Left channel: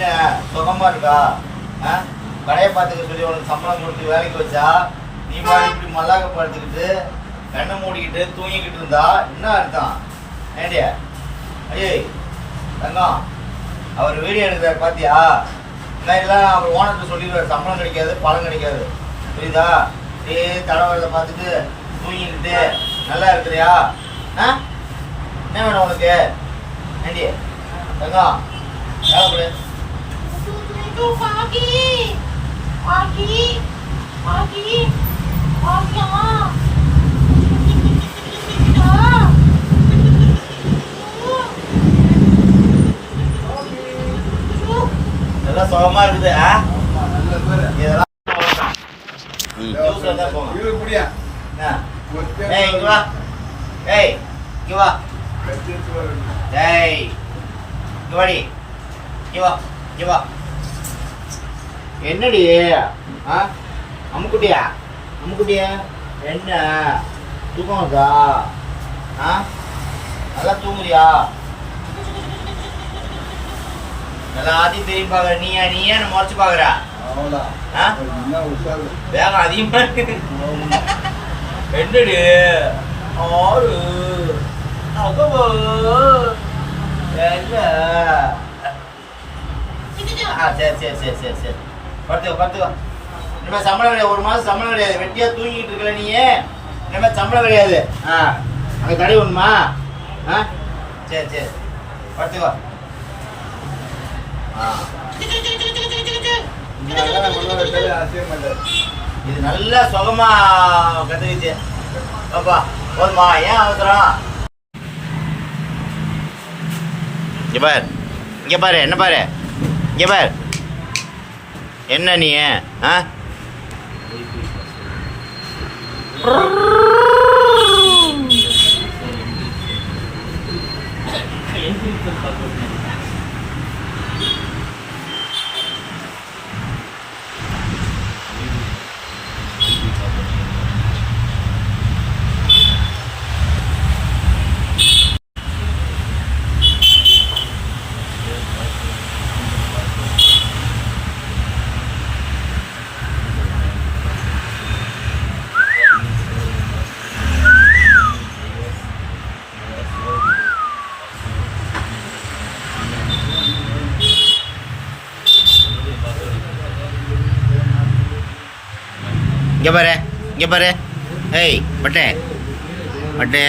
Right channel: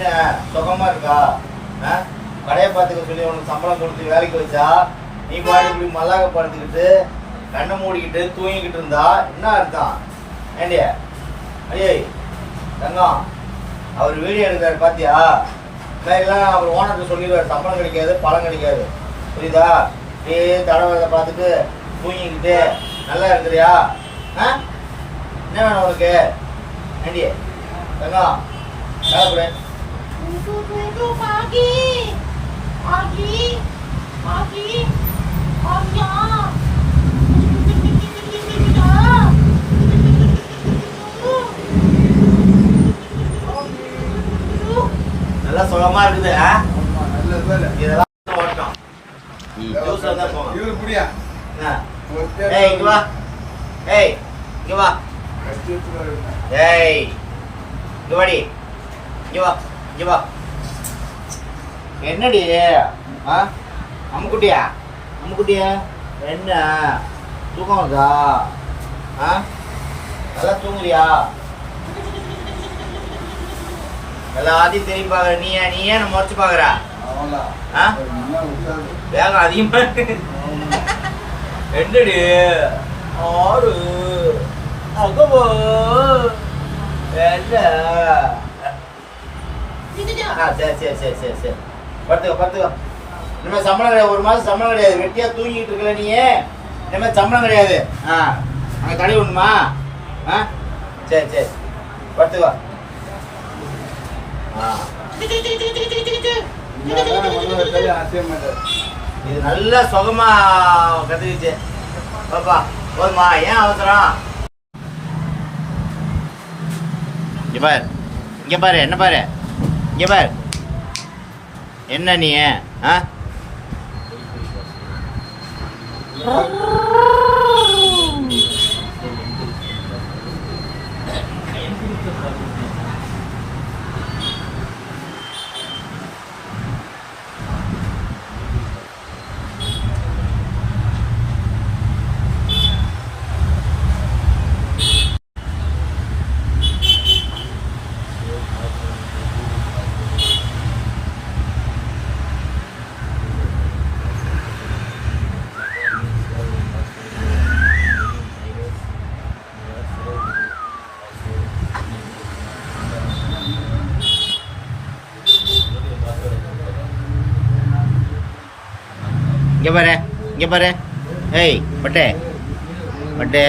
என்ன? சுகமா இருக்கா? ஆ? கடையை பார்த்துக்க சொல்லி உனக்கு சம்பளம் கொடுத்து வேலைக்கு வச்சா நீ பாரு இப்படி மல்லாக்க படுத்துக்கிட்டு கண்ணை மூடிக்கிட்டு தூங்கிக்கிட்டு இருந்தா என்ன அர்த்தம்? ஏண்டிய ஐயே தங்கம் அவர் வீடியோ எடுக்கிறாரு பாத்தியா? எல்லாம் அவர் ஓனர்கிட்ட சொல்லிடுவார் சம்பளம் கிடைக்காது பழம் கிடைக்காது. புரியுதா? ஏய் தடவை பார்த்துட்டு தூங்கிக்கிட்டு நல்லா இருக்கிறியா? ஆ? என்ன வேணும் உனக்கு? ஆண்டி தங்கம் வேலை கொடு. சுகமா இருக்குது. இதெல்லாம் ஓட்டம் ம் ஜூஸ் வந்தா போகணும் இவரு குடியா? ஏய் இங்க வா. ஏய் இங்க வா. ஏய் வாடி. இங்க வா. இங்க வா. என்னடி? ஆ? அம்முக்குட்டியா அம்முக்குட்டியா என்ன? தூக்கம் வருதா? ஆ? நல்லா தூங்குறியா? எல்லாத்தையும் திரும்பி பாக்குற நீ நீ ஏன் முறைச்சு பாக்குற. வேகம் அதிகமா. என்னடி? ஆறு. என்ன? ஆ சரி சரி சரி சரி சரி. படுத்துக்கோ படுத்துக்கோ. இனிமேல் சம்பளம் கிடையாது. ஒரு மாதம் சம்பளம் கிடையாது. வெட்டியா தூங்கிட்டு இருக்கல நீ? இனிமேல் சம்பளம் கிடையாது. ஆ அங்கே தடை உண்மா ஆ சரி சரி. படுத்துக்கோ. ஆ. இது நல்ல சுகமா கத்துக்கிச்சு. பாப்பா போதுமா? ஏன் அவசரம்? இங்க பாரு. இங்க பாரு. என்ன பாரு? இங்க பாரு. என்ன நீ ஆ? இங்கே பாரு இங்கே பாரு. ஏய் பட்டே. பட்டே.